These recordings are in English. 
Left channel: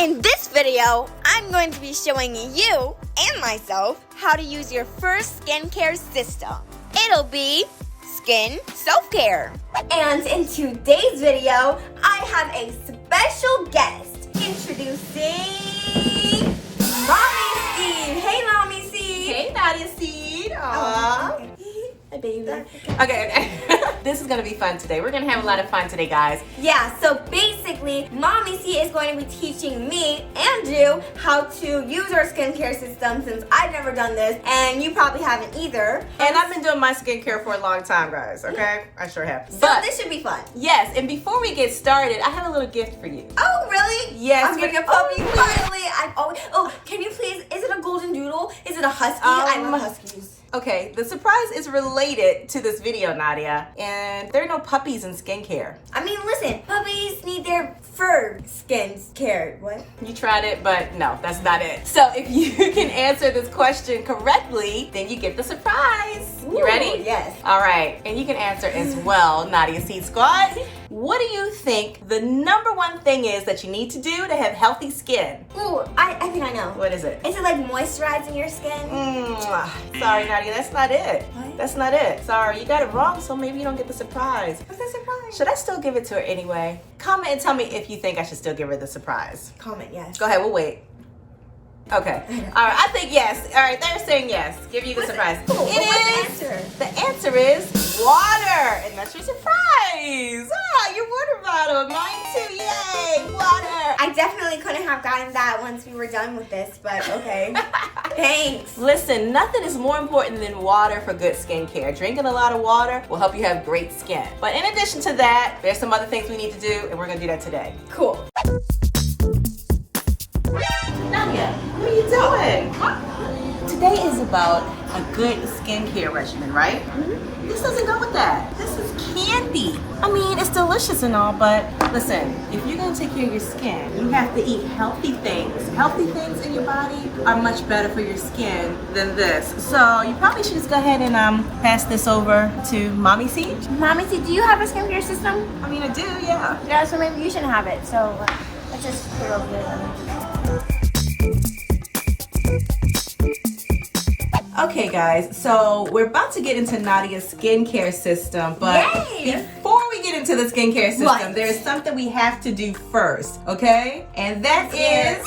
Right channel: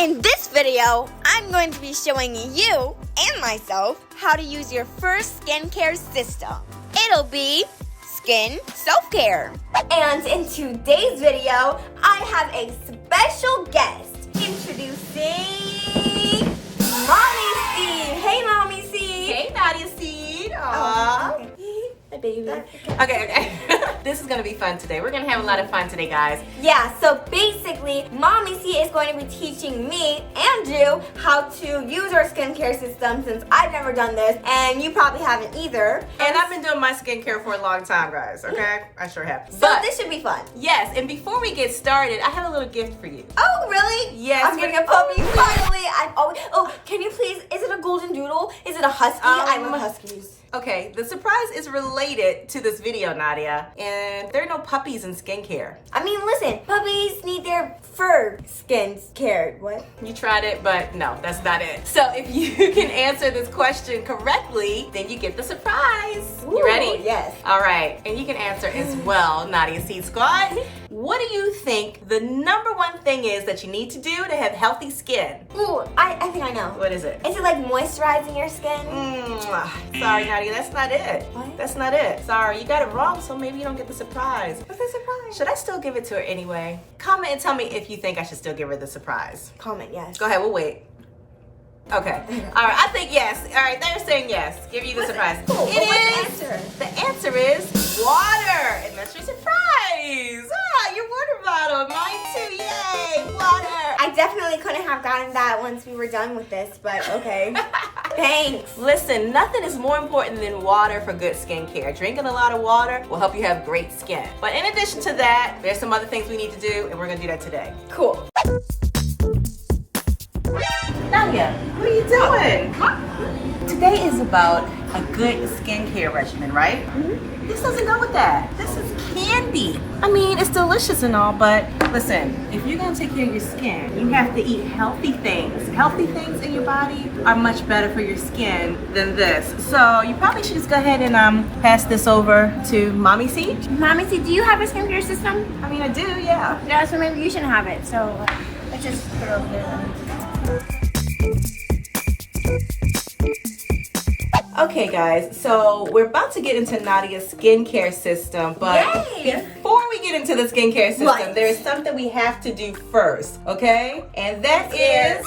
In this video, I'm going to be showing you and myself how to use your first skincare system. It'll be skin self-care. And in today's video, I have a special guest. Introducing Mommy Seed. Hey, Mommy Seed. Hey, Nadia Seed. Aww. Hi, baby. Okay. This is going to be fun today. We're going to have a lot of fun today, guys. Yeah, so basically, Mommy C is going to be teaching me and you how to use our skincare system since I've never done this, and you probably haven't either. And I've been doing my skincare for a long time, guys, okay? I sure have. So but this should be fun. Yes, and before we get started, I have a little gift for you. Oh, really? Yes. I'm getting a puppy, finally. Oh, can you please, is it a golden doodle? Is it a husky? I love huskies. Okay, the surprise is related to this video, Nadia, and there are no puppies in skincare. I mean, listen, puppies need their fur skin cared. What? You tried it, but no, that's not it. So if you can answer this question correctly, then you get the surprise. Ooh, you ready? Yes. All right, and you can answer as well, Nadia Seed Squad. What do you think the number one thing is that you need to do to have healthy skin? Ooh, I think I know. What is it? Is it like moisturizing your skin? Sorry, Nadia, that's not it. What? That's not it. Sorry, you got it wrong, so maybe you don't get the surprise. What's the surprise? Should I still give it to her anyway? Comment and tell me if you think I should still give her the surprise. Comment, yes. Go ahead, we'll wait. Okay. All right, I think yes. All right, they're saying yes. Give you the surprise. Cool. It is. The answer is water, and that's your surprise. Your water bottle. Mine too. Yay, water. I definitely couldn't have gotten that once we were done with this, but okay. Thanks. Listen, nothing is more important than water for good skincare. Drinking a lot of water will help you have great skin. But in addition to that, there's some other things we need to do, and we're gonna do that today. Cool. Nadia, what are you doing? Today is about a good skincare regimen, right? Mm-hmm. This doesn't go with that. This is candy. I mean, it's delicious and all, but listen, if you're gonna take care of your skin, you have to eat healthy things. Healthy things in your body are much better for your skin than this. So you probably should just go ahead and pass this over to Mommy Seed. Mommy C, do you have a skincare system? I mean, I do, yeah. Yeah, so maybe you shouldn't have it. So let's just put it over there. Okay guys, so we're about to get into Nadia's skincare system, but Yay! Before we get into the skincare system, What? there's something we have to do first, okay? And that is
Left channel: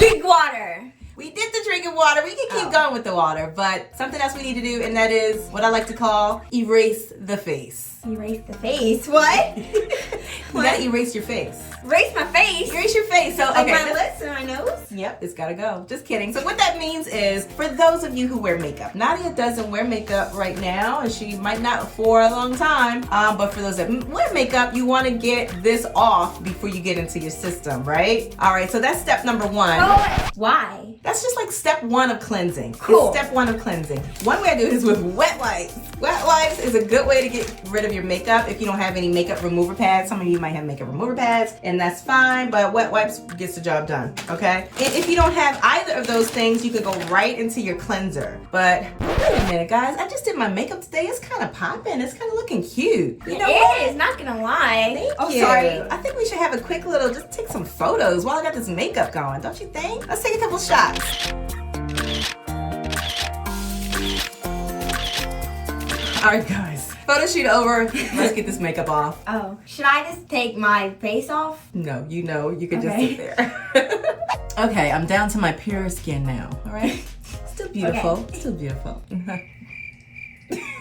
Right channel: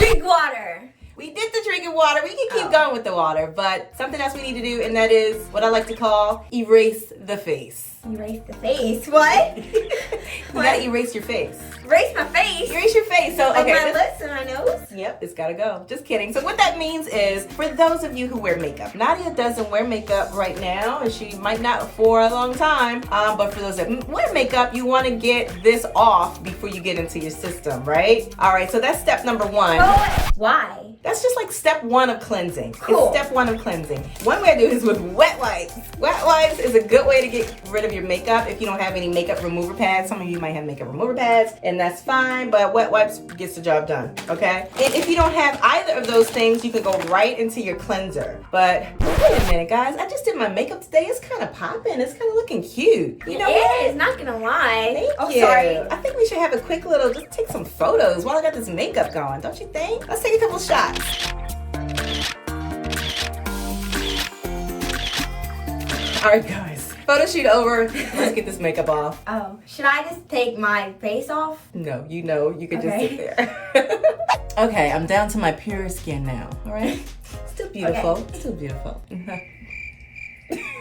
drink water. We did the drinking water. We can keep going with the water, but something else we need to do, and that is what I like to call erase the face. Erase the face. What? You gotta erase your face. Erase my face? Erase your face. So Like okay, my lips and my nose? Yep, it's gotta go. Just kidding. So what that means is, for those of you who wear makeup, Nadia doesn't wear makeup right now, and she might not for a long time, but for those that wear makeup, you wanna get this off before you get into your system, right? All right, so that's step number one. Oh, why? That's just like step 1 of cleansing. Cool. It's step 1 of cleansing. One way I do this with wet wipes. Wet wipes is a good way to get rid of your makeup if you don't have any makeup remover pads. Some of you might have makeup remover pads, and that's fine, but wet wipes gets the job done, okay? And if you don't have either of those things, you can go right into your cleanser. But wait a minute, guys. I just did my makeup today. It's kind of popping. It's kind of looking cute. You know It is, not gonna lie. Thank you. Sorry. I think we should have a quick little, just take some photos while I got this makeup going, don't you think? Let's take a couple shots. All right, guys. Photo shoot over. Let's get this makeup off. Oh, should I just take my face off? No, you know, you can just Okay. sit there. Okay, I'm down to my pure skin now, all right? Still beautiful, Okay. still beautiful.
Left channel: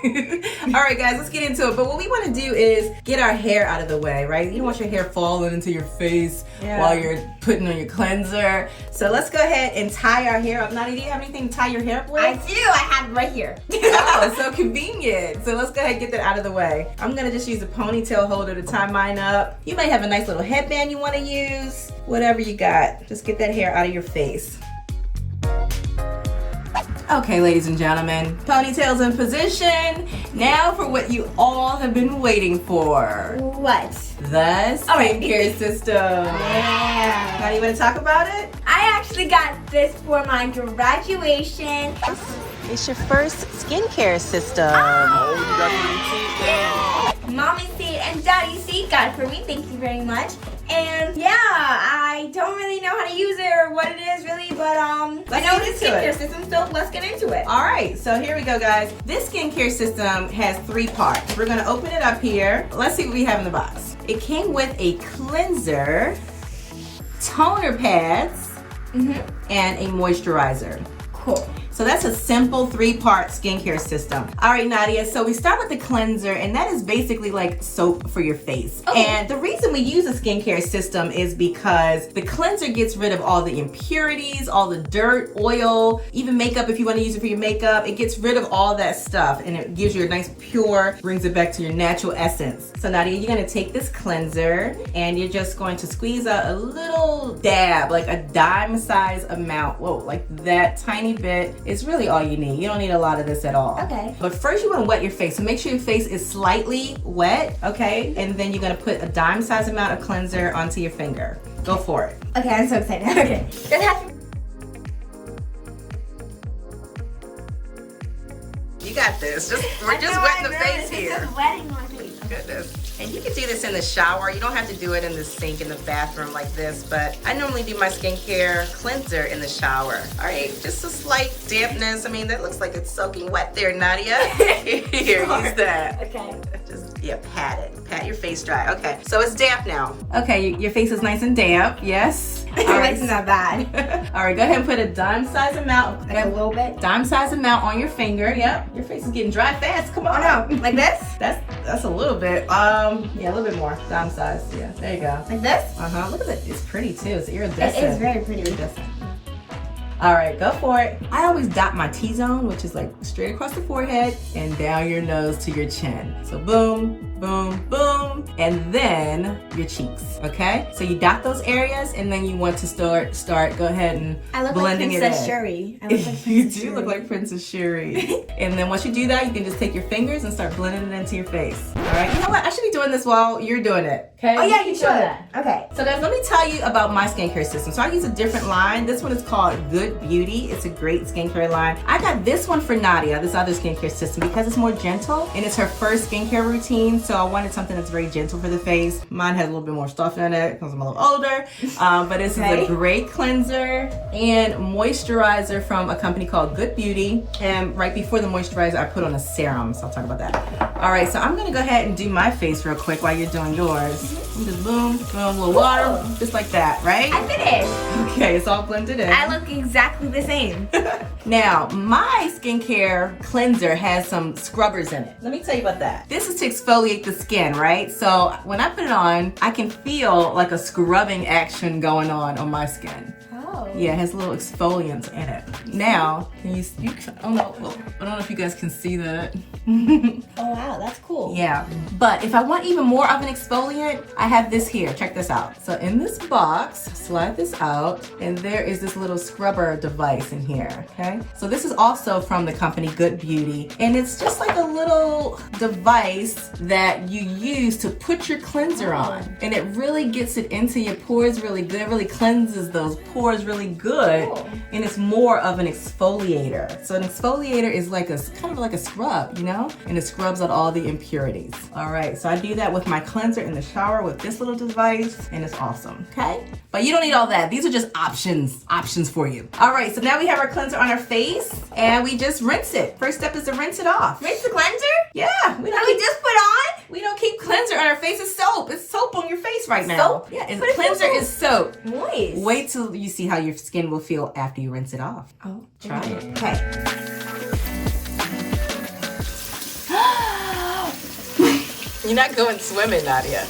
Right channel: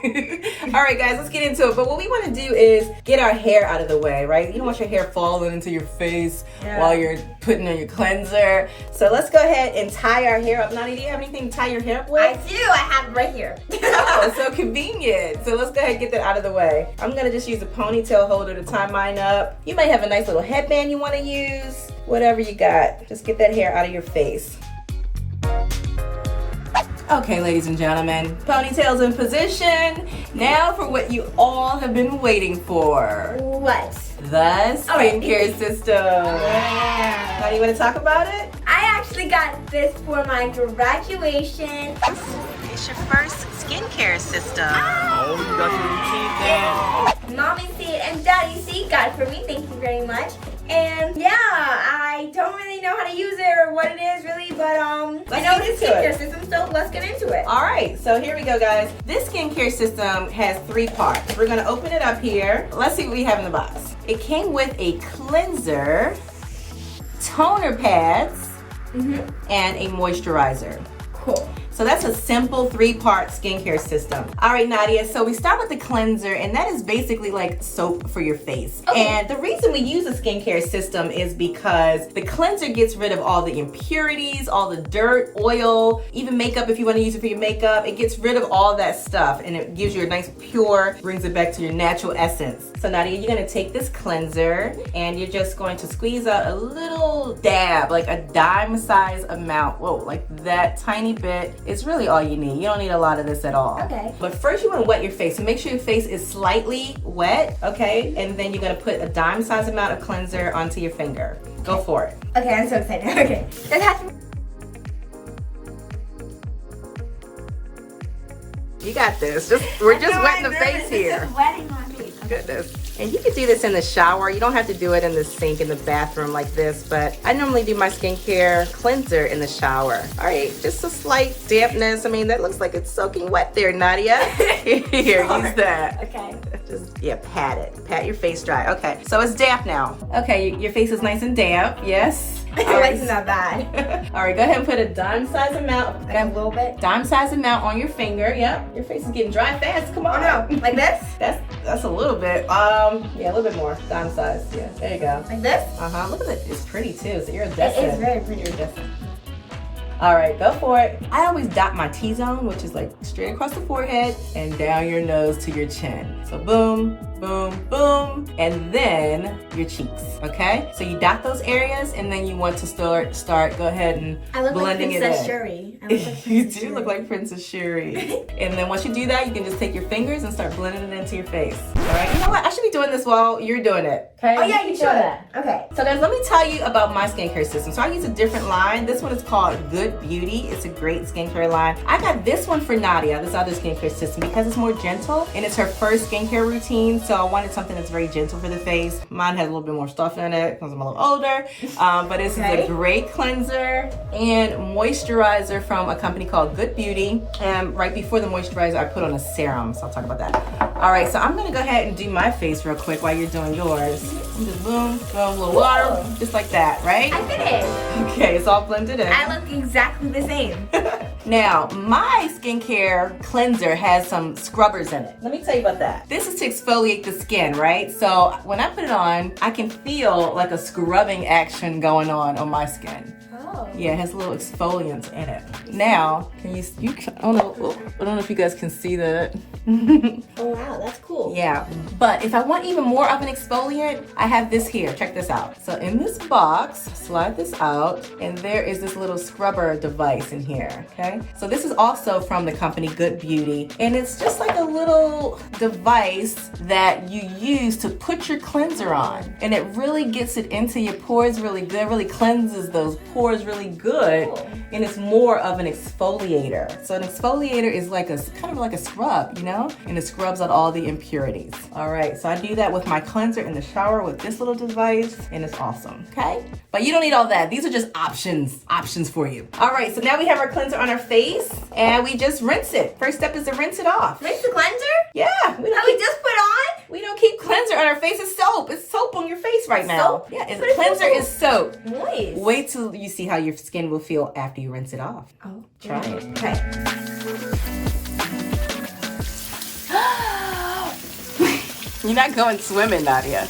All right, guys, let's get into it. But what we want to do is get our hair out of the way, right? You don't want your hair falling into your face while you're putting on your cleanser. So let's go ahead and tie our hair up. Nadia, do you have anything to tie your hair up with? I do. I have it right here. Oh, so convenient. So let's go ahead and get that out of the way. I'm gonna just use a ponytail holder to tie mine up. You might have a nice little headband you wanna use. Whatever you got, just get that hair out of your face. Okay, ladies and gentlemen, ponytail's in position. Now for what you all have been waiting for. What? The skincare system. Yeah. How do you wanna talk about it? I actually got this for my graduation. It's your first skincare system. Ah! Oh, you got Mommy Seed and Daddy Seed got it for me. Thank you very much. And yeah, I don't really know how to use it or what it is really, but I know it's a skincare system, so let's get into it. All right, so here we go, guys. This skincare system has 3 parts. We're gonna open it up here. Let's see what we have in the box. It came with a cleanser, toner pads, and a moisturizer. Cool. So that's a simple 3-part skincare system. All right, Nadia, so we start with the cleanser, and that is basically like soap for your face. Okay. And the reason we use a skincare system is because the cleanser gets rid of all the impurities, all the dirt, oil, even makeup if you want to use it for your makeup. It gets rid of all that stuff, and it gives you a nice pure, brings it back to your natural essence. So Nadia, you're gonna take this cleanser, and you're just going to squeeze out a little dab, like a dime size amount. Whoa, like that tiny bit. It's really all you need. You don't need a lot of this at all. Okay. But first you want to wet your face. So make sure your face is slightly wet, okay? And then you're going to put a dime size amount of cleanser onto your finger. Go for it. Okay, I'm so excited. Okay. You got this. We're just wetting the face here. It's just wetting my face. Goodness. And you can do this in the shower. You don't have to do it in the sink in the bathroom like this, but I normally do my skincare cleanser in the shower. All right, just a slight dampness. I mean, that looks like it's soaking wet there, Nadia. Here, use that. Okay. Just, yeah, pat it. Pat your face dry. Okay, so it's damp now. Okay, your face is nice and damp, yes. It's not bad. All right, go ahead and put a dime size amount. Like a little bit? Dime size amount on your finger. Yep, your face is getting dry fast. Come on. Oh no, like this? That's a little bit. Yeah, a little bit more. Dime size. Yeah, there you go. Like this? Look at it. It's pretty too. It's iridescent. It is very pretty iridescent. All right, go for it. I always dot my T-zone, which is like straight across the forehead and down your nose to your chin. So boom, boom, boom, and then your cheeks, okay? So you dot those areas, and then you want to start go ahead and blending it in. I look like Princess Shuri. You do look like Princess Shuri. And then once you do that, you can just take your fingers and start blending it into your face. All right? You know what? I should be doing this while you're doing it. Okay? Oh yeah, you should. Okay. So guys, let me tell you about my skincare system. So I use a different line. This one is called Good Beauty. It's a great skincare line. I got this one for Nadia, this other skincare system, because it's more gentle and it's her first skincare routine. So I wanted something that's very gentle for the face. Mine has a little bit more stuff in it because I'm a little older. But this is a great cleanser and moisturizer from a company called Good Beauty. And right before the moisturizer, I put on a serum. So I'll talk about that. All right, so I'm gonna go ahead and do my face real quick while you're doing yours. Just boom, boom, a little water, just like that, right? I did it. Okay, it's all blended in. I look exactly the same. Now, my skincare cleanser has some scrubbers in it. Let me tell you about that. This is to exfoliate the skin, right? So when I put it on, I can feel like a scrubbing action going on my skin. Oh. Yeah, it has little exfoliants in it. Now, can you I don't know if you guys can see that. Oh wow, that's cool. Yeah, but if I want even more of an exfoliant, I have this here. Check this out. So in this box, slide this out, and there is this little scrubber device in here, okay? So this is also from the company Good Beauty, and it's just like a little device that you use to put your cleanser on, and it really gets it into your pores really good, really cleanses those pores really good, and it's more of an exfoliator. So an exfoliator is like kind of like a scrub, you know? And it scrubs out all the impurities. All right, so I do that with my cleanser in the shower with this little device, and it's awesome, okay? But you don't need all that. These are just options for you. All right, so now we have our cleanser on our face, and we just rinse it. First step is to rinse it off. Rinse the cleanser? Yeah. We just put on? We don't keep cleanser on our face. It's soap. It's soap on your face right now. Soap? Yeah, and cleanser is soap. Moist. Wait till you see how your skin will feel after you rinse it off. Oh, try it. Okay. You're not going swimming, Nadia.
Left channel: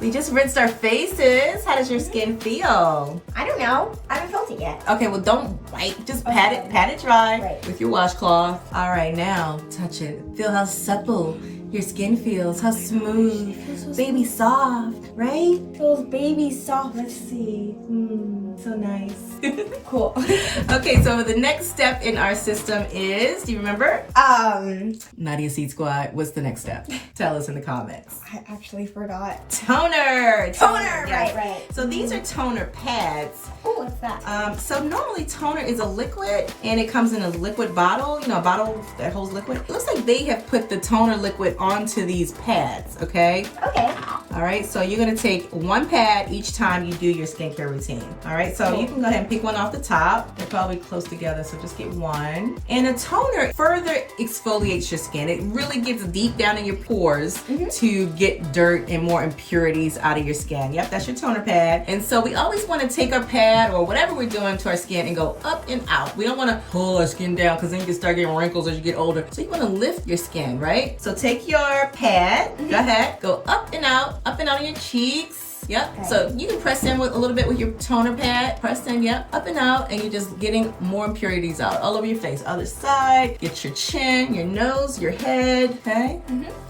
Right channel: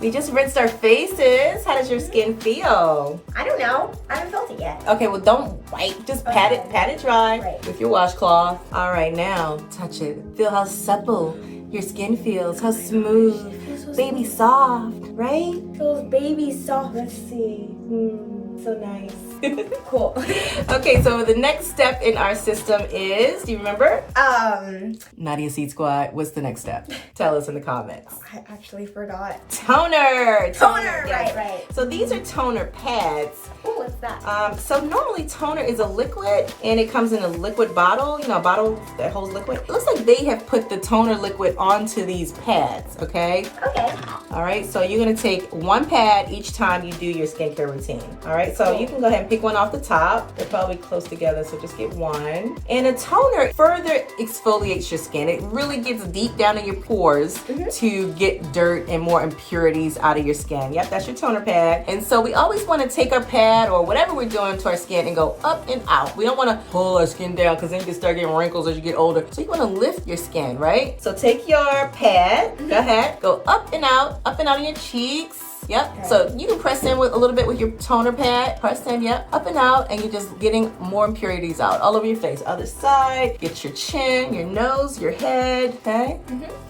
We just rinsed our faces. How does your skin feel? I don't know. I haven't felt it yet. Okay, well don't wipe. Just pat it dry with your washcloth. All right, now touch it. Feel how supple your skin feels. How smooth, baby soft, right? Feels baby soft. Let's see. So nice. Cool. Okay, so the next step in our system is, do you remember? Nadia Seed Squad, what's the next step? Tell us in the comments. I actually forgot. Toner, right. So these are toner pads. Oh, what's that? So normally toner is a liquid and it comes in a liquid bottle, you know, a bottle that holds liquid. It looks like they have put the toner liquid onto these pads, okay? Okay. All right, so you're gonna take one pad each time you do your skincare routine. All right, so you can go ahead and pick one off the top. They're probably close together, so just get one. And a toner further exfoliates your skin. It really gets deep down in your pores to get dirt and more impurities out of your skin. Yep, that's your toner pad. And so we always wanna take our pad or whatever we're doing to our skin and go up and out. We don't wanna pull our skin down because then you can start getting wrinkles as you get older. So you wanna lift your skin, right? So take your pad, go ahead, go up and out of your cheeks. Yep, okay. So you can press in with a little bit with your toner pad. Press in, yep, up and out, and you're just getting more impurities out all over your face. Other side, get your chin, your nose, your head, okay?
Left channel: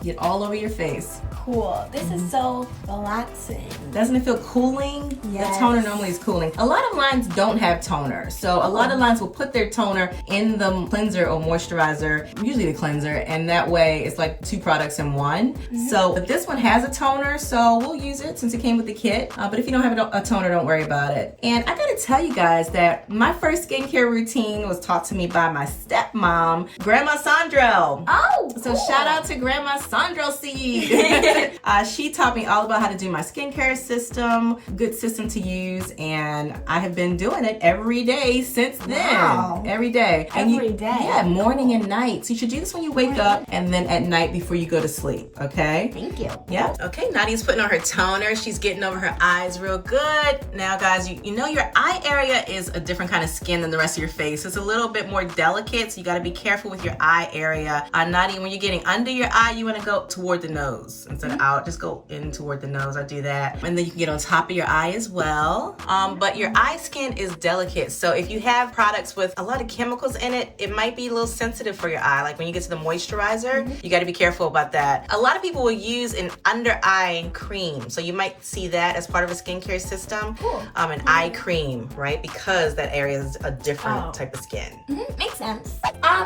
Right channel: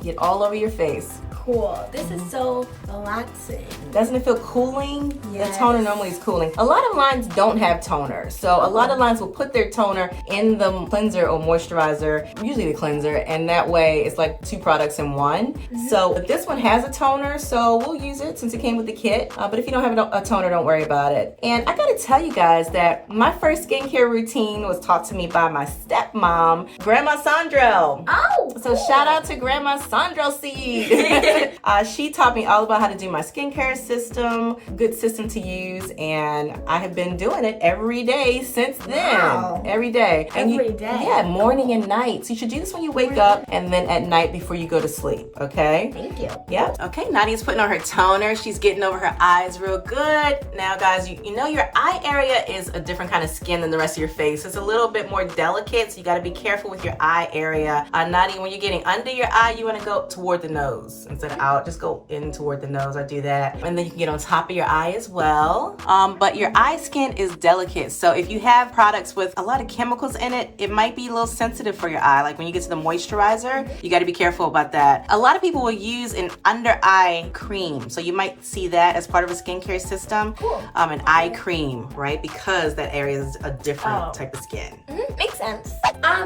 Get all over your face. Cool. This is so relaxing. Doesn't it feel cooling? Yes. The toner normally is cooling. A lot of lines don't have toner. So a lot of lines will put their toner in the cleanser or moisturizer, usually the cleanser, and that way it's like 2 products in one. So, but this one has a toner, so we'll use it since it came with the kit. But if you don't have a toner, don't worry about it. And I gotta tell you guys that my first skincare routine was taught to me by my stepmom, Grandma Sandro. Oh, so shout out to Grandma Sandro Seed. She taught me all about how to do my skincare system, good system to use, and I have been doing it every day since then. Wow. Every day. Every day? Yeah, morning and night. So you should do this when you wake up and then at night before you go to sleep, okay? Thank you. Yeah. Okay, Nadia's putting on her toner. She's getting over her eyes real good. Now, guys, you know your eye area is a different kind of skin than the rest of your face. It's a little bit more delicate, so you gotta be careful with your eye area. Nadia, when you're getting under your eye, you wanna go toward the nose instead of out. Just go in toward the nose. I do that. And then you can get on top of your eye as well. But your eye skin is delicate. So if you have products with a lot of chemicals in it, it might be a little sensitive for your eye. Like when you get to the moisturizer, you gotta be careful about that. A lot of people will use an under eye cream. So you might see that as part of a skincare system. Cool. An eye cream, right? Because that area is a different type of skin. Makes sense.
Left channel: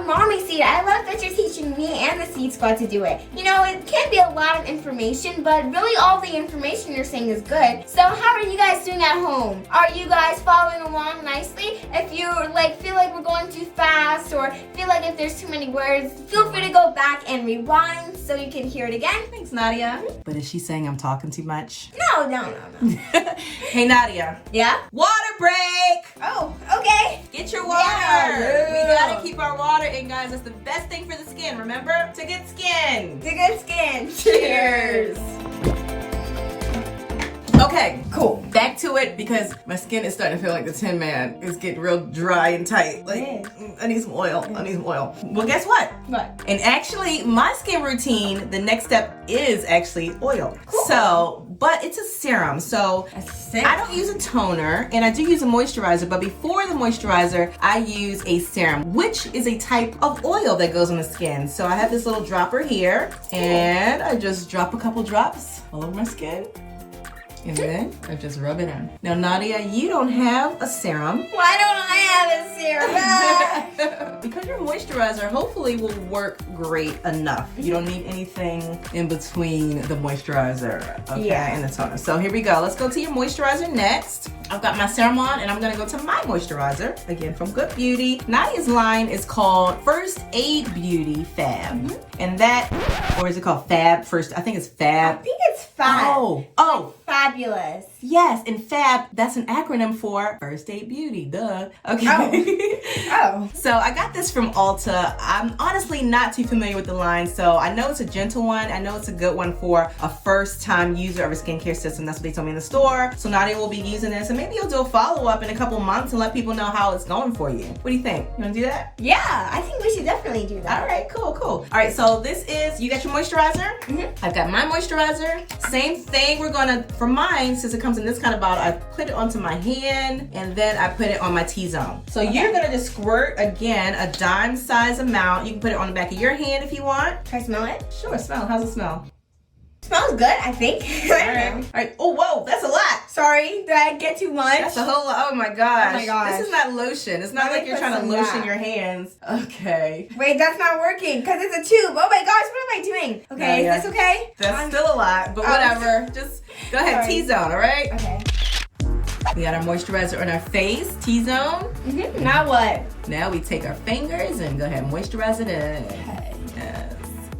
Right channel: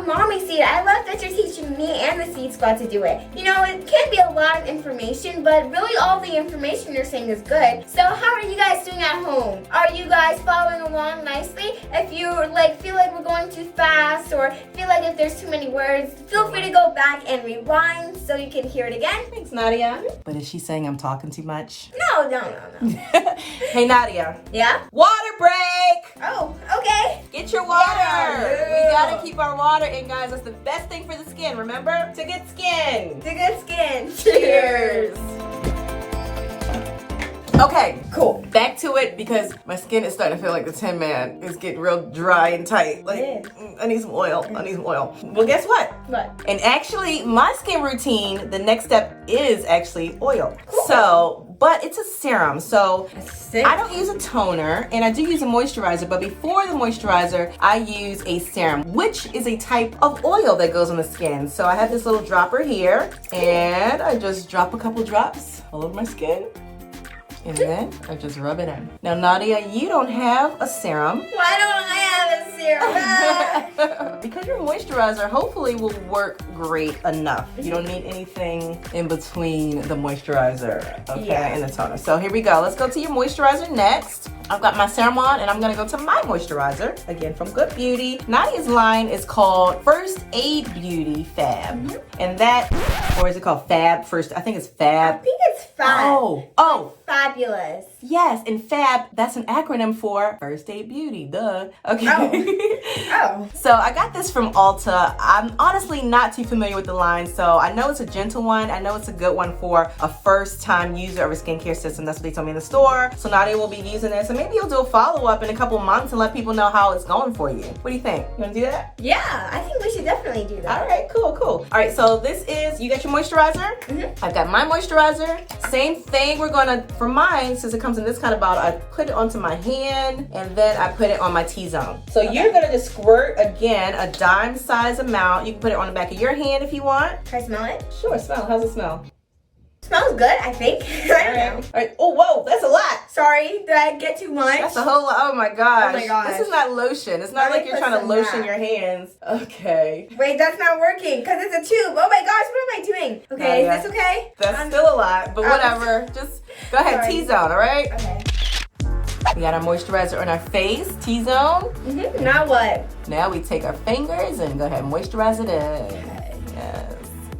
Mommy Seed, I love that you're teaching me and the Seed Squad to do it. You know, it can be a lot of information, but really all the information you're saying is good. So how are you guys doing at home? Are you guys following along nicely? If you feel like we're going too fast or feel like if there's too many words, feel free to go back and rewind so you can hear it again. Thanks, Nadia. But is she saying I'm talking too much? No. Hey, Nadia. Yeah? Water break! Oh, okay. Get your water. Yeah. We gotta keep our water in, guys. That's the best thing for the skin. Remember? To good skin. To good skin. Cheers. Okay, Cool. back to it because my skin is starting to feel like the Tin Man. It's getting real dry and tight. I need some oil. Well, guess what? What? And actually, my skin routine, the next step is actually oil. Cool. So, but it's a serum. So I don't use a toner and I do use a moisturizer, but before the moisturizer, I use a serum, which is a type of oil that goes on the skin. So I have this little dropper here and I just drop a couple drops all over my skin. And then I just rub it in. Now, Nadia, you don't have a serum. Why don't I have a serum? Because your moisturizer hopefully will work great enough. You don't need anything in between the moisturizer, okay, and the toner. So here we go. Let's go to your moisturizer next. I've got my serum on and I'm gonna go to my moisturizer, again from Good Beauty. Nadia's line is called First Aid Beauty Fab. And that, or is it called Fab? I think it's Fab. I think it's Fab. Oh. Fabulous. Yes, and Fab, that's an acronym for First Aid Beauty, duh. Okay. Oh. So I got this from Ulta. I'm honestly not too familiar with the line, so I know it's a gentle one. I know it's a good one for a first-time user of a skincare system. That's what they told me in the store. So Nadia will be using this, and maybe you'll do a follow-up in a couple months and let people know how it's going for you. What do you think? You wanna do that? Yeah, I think we should definitely do that. All right, cool. All right, so this is, you got your moisturizer? I've got my moisturizer. Same thing, we're gonna, for mine, since it comes in this kind of bottle, I put it onto my hand and then I put it on my T-zone. So you're gonna just squirt, again, a dime size amount. You can put it on the back of your hand if you want. Can I smell it? Sure, smell. How's it smell? Smells good, I think. I don't know. All right. Oh, whoa, that's a lot. Sorry, did I get too much? That's a whole lot. Oh my gosh. Oh my gosh. This is not lotion. It's not like you're trying to lotion your hands. Okay. Wait, that's not working because it's a tube. Oh my gosh, what am I doing? Okay, is this okay? That's still a lot, but whatever. Just go ahead, T-zone, all right? Okay. We got our moisturizer on our face, T-zone. Now what? Now we take our fingers and go ahead and moisturize it in. Okay. Yes.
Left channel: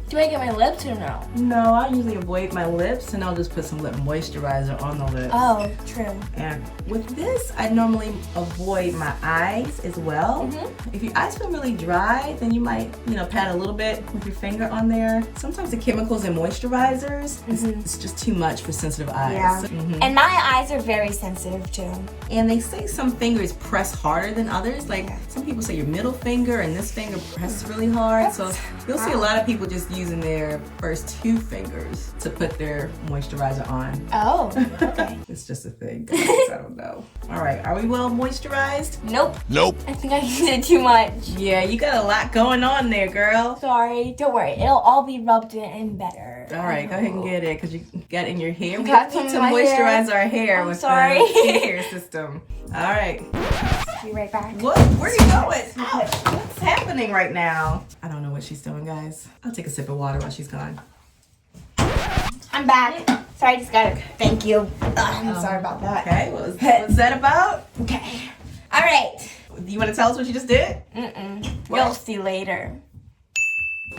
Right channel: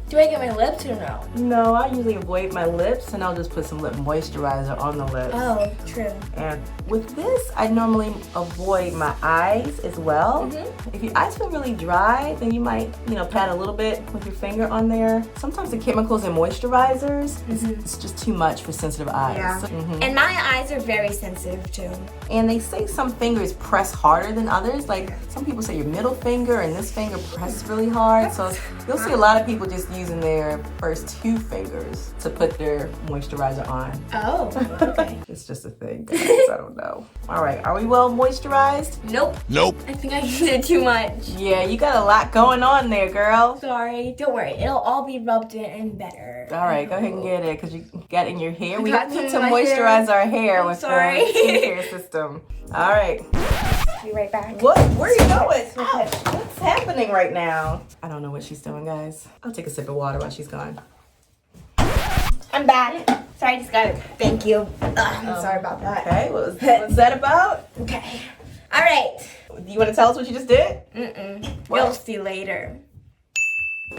Do I get my lips or no? No, I usually avoid my lips and I'll just put some lip moisturizer on the lips. Oh, true. And with this, I normally avoid my eyes as well. If your eyes feel really dry, then you might, pat a little bit with your finger on there. Sometimes the chemicals in moisturizers, it's just too much for sensitive eyes. Yeah. So- And my eyes are very sensitive too. And they say some fingers press harder than others. Like some people say your middle finger and this finger press really hard. So you'll see a lot of people just using their first 2 fingers to put their moisturizer on. Oh, okay. It's just a thing, guys. I don't know. All right, are we well moisturized? Nope. Nope. I think I did too much. Yeah, you got a lot going on there, girl. Sorry. Don't worry. It'll all be rubbed in better. All right, go ahead and get it because you got it in your hair. We got need to some in my moisturize hair. our hair I'm with sorry. the skincare system. All right. Be right back. What? Where are you going? Ouch, what's happening right now? I don't know what she's doing, guys. I'll take a sip of water while she's gone. I'm back. Sorry, I just got it. Thank you. I'm sorry about that. Okay, what's that about? Okay. All right. You want to tell us what you just did? You'll see later.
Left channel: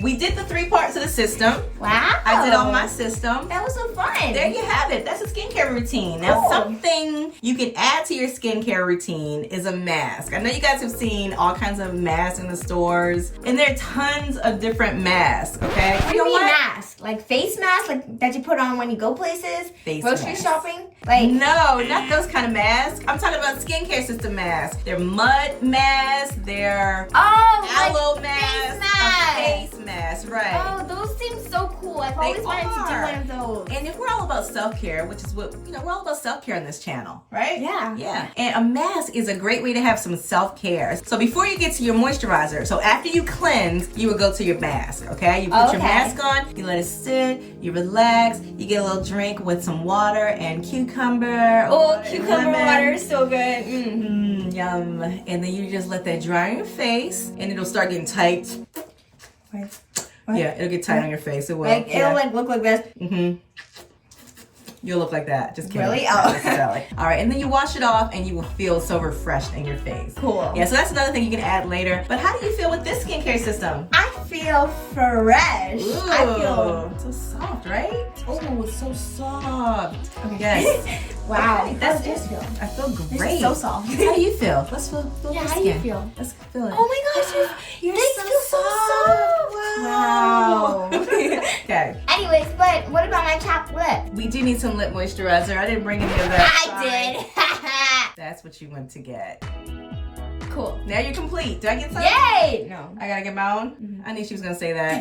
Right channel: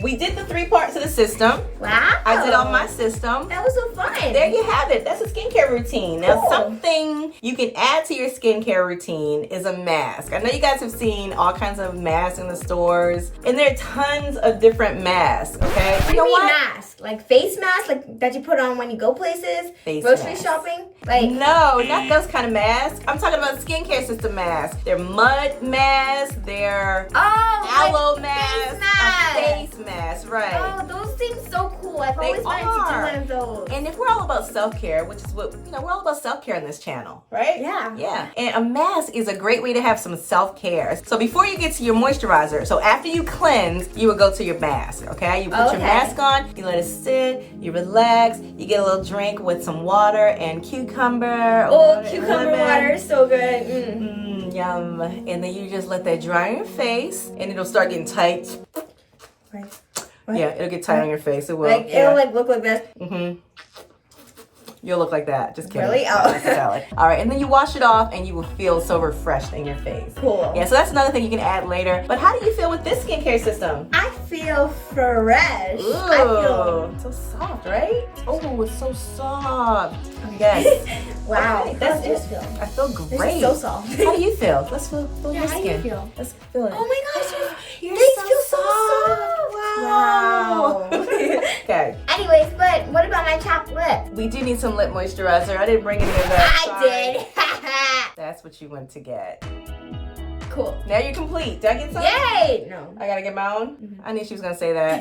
We did the 3 parts of the system. Wow. I did on my system. That was so fun. There you have it. That's a skincare routine. Now, Cool. something you can add to your skincare routine is a mask. I know you guys have seen all kinds of masks in the stores, and there are tons of different masks, okay? What do you mean mask? Like face mask, like that you put on when you go places? Face grocery mask. shopping? Like No, not those kind of masks. I'm talking about skincare system masks. They're mud masks, they're aloe like masks, face mask. a face mask, right? Oh, those seem so cool. I've They always wanted are. to do one of those. And if we're all about self-care, which is what, we're all about self-care on this channel, right? Yeah. Yeah. And a mask is a great way to have some self-care. So before you get to your moisturizer, so after you cleanse, you would go to your mask, okay? You put your mask on, you let it sit, you relax, you get a little drink with some water and cucumber. Oh, cucumber water is so good. Yum. And then you just let that dry on your face and it'll start getting tight. Wait. Yeah, it'll get tight on your face. It will. Like yeah. it'll like look like this. You'll look like that. Just kidding. Really? Not necessarily. All right, and then you wash it off and you will feel so refreshed in your face. Cool. Yeah, so that's another thing you can add later. But how do you feel with this skincare system? I feel fresh. Ooh, I feel so soft, right? Oh, it's so soft. Okay, guys. wow. That's I feel This great. is so soft. How do you feel? Let's feel Yeah, your how do you skin. feel? Let's feel it. Oh my gosh, You're they feel so soft. Wow. Okay. Anyways, but what about my chapped lip? We do need some lip moisturizer. I didn't bring any of that. I Sorry. did. That's what you went to get. Cool. Now you're complete. Did I get some? Yay! No. I gotta get my own? I knew she was gonna say that.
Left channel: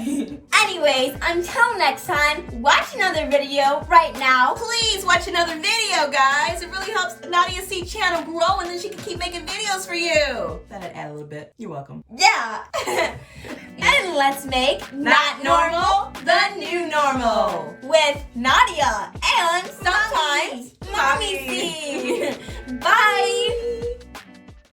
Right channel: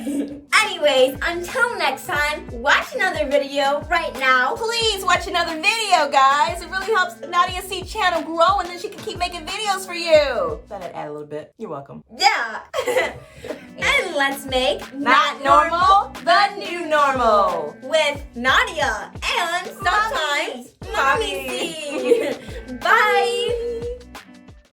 Anyways, until next time, watch another video right now. Please watch another video, guys. It really helps Nadia Seed channel grow and then she can keep making videos for you. Thought I'd add a little bit. You're welcome. Yeah. And let's make Not normal, the new normal. with Nadia